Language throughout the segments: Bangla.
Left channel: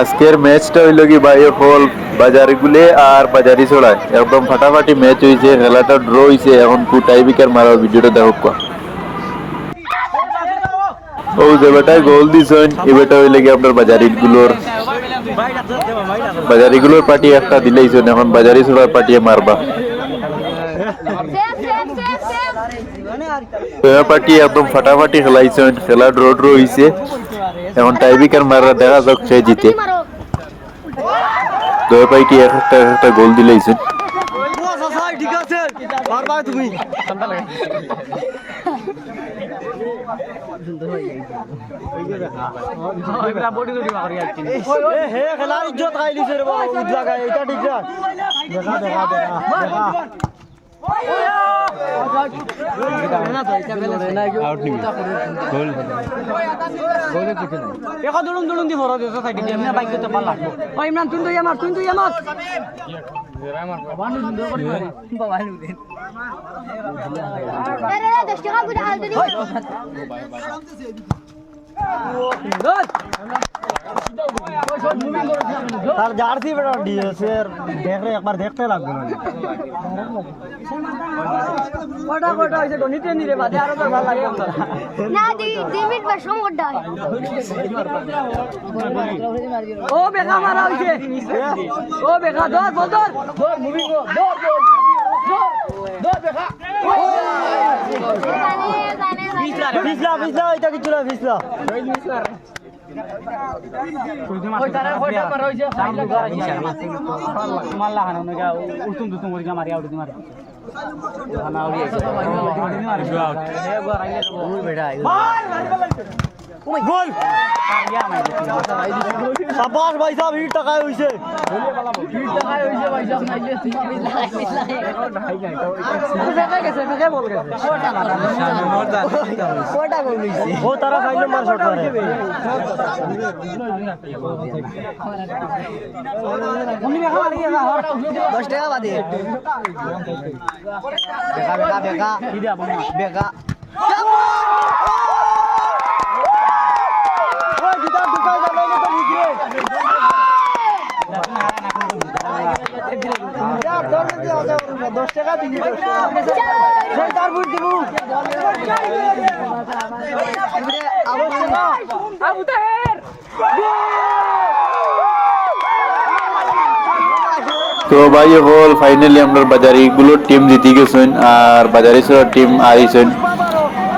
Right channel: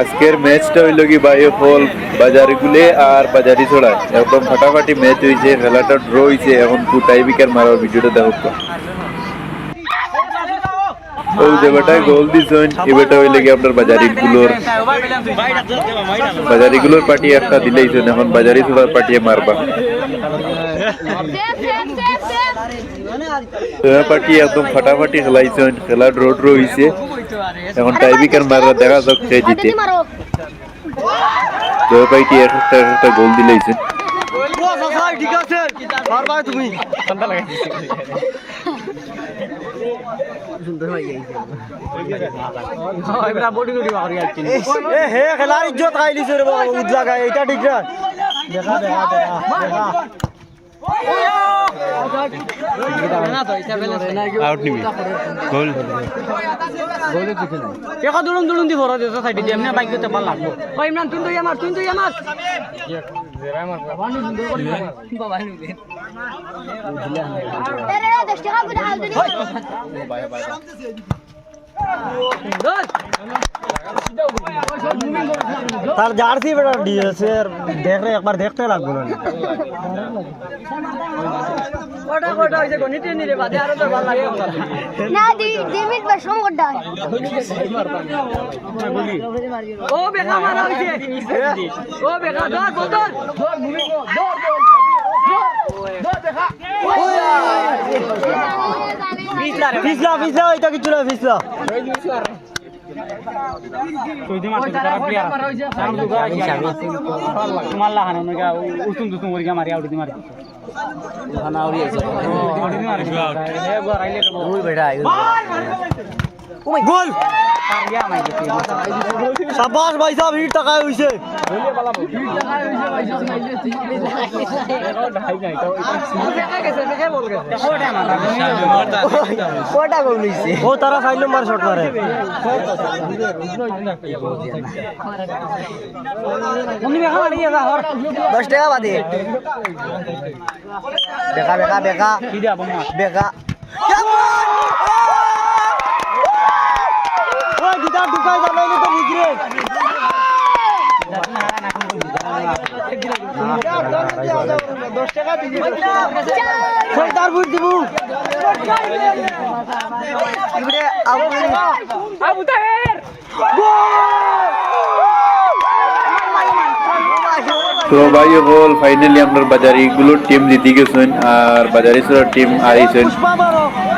আজকের ম্যাচটা হইল কি ভাই হল বাজারি গুলে আর বাজারি ছড়ায় একদম ফাটাফাটি ম্যাচ হয়েছে, খেলাটা ড্র হয়েছে। এখন টাই বিকার মারার ভিডিওটা দেখো। ও যে বেটায় গোল দিছেন এ বেটা হইলে কি আপনার বাজারিগুলোর পার্টি একটা দিলেইছেন, এখন বাজারি ছড়ার পার্টিয়ে মারবা পার্টি একদম ফাটাফাটি খেলাইছেন, খেলা ড্র ড্র হয়েছে। এখন টাইবিকার মারা দেখা যাক সে জিতে। দয়া পাই কি একটা গোল দিলেইছেন। খেলার ইজ্জত খাই দিছে রে বাবা, উদলা গায় এটা ঠিক না। দেখা দেখা দেখা আউট নিবি গোল গোলে কিছু নাই। একা দুলুন দুলুন দি ভরা দেছে সাইডে এমনি বাইক করতে পারলাম। ওই ইমরান তুই আমার বানু দিন বাবা নিলে আরে রে 10 টাকা করে হাল দিনি। তার জার্সি বড় ডিএস এর দেখ রে একবার দেখতে লাগবে না। কোটা কোটা হইছে গণিতে নি রে বাদে আরো তো ভালো লাগে না। দি মিনিট বা সময় দাও। ও বেকা মারা হইছে, ও বেকা দর দর দর মুভি কো দর দর দর দেখা ফিসলা এটা কিছু না ফিসলা কইতে মারতে পারা হইছে তোমার লাগানো না উতুম দুতুম করে মারি আউট দি মারি খানা উড়ি আইছে আউট এ গরাইলে ওই বেটা ও মাই গোল ইয়া মাই শাবাশ ভাই সাহেব হিট টাকা হইছে গোলে বালা হিট টাকা হইছে ভাই সাহেব নাই নাই তো দেখা গেছে দেখা বল গেছে কোটা গোল হইছে ও তারা ফাইনাল মার শট মারে উনি দেখা মারি গেছে 10 টাকা বাদে বেকা কি দে বাবা বেকা ঢুকাই যাবে তো নিগ্রে দশ টাকা দিবি তার বুট দিব আবু তাহের তো ভাই হল ফাইনালি আমরা বাজারি গুলোর টিম জিতে গেছেন আর বাজারি টিম আইছেন।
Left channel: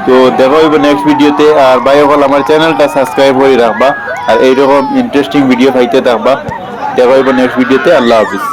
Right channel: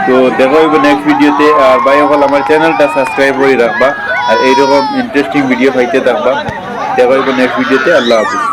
তো দেখা হইব নেক্সট ভিডিওতে। আর ভাই হল আমার চ্যানেলটা সাবস্ক্রাইব করে রাখবা আর এইরকম ইন্টারেস্টিং ভিডিও পাইতে থাকবা। দেখা হইব নেক্সট ভিডিওতে। আল্লাহ হাফিজ।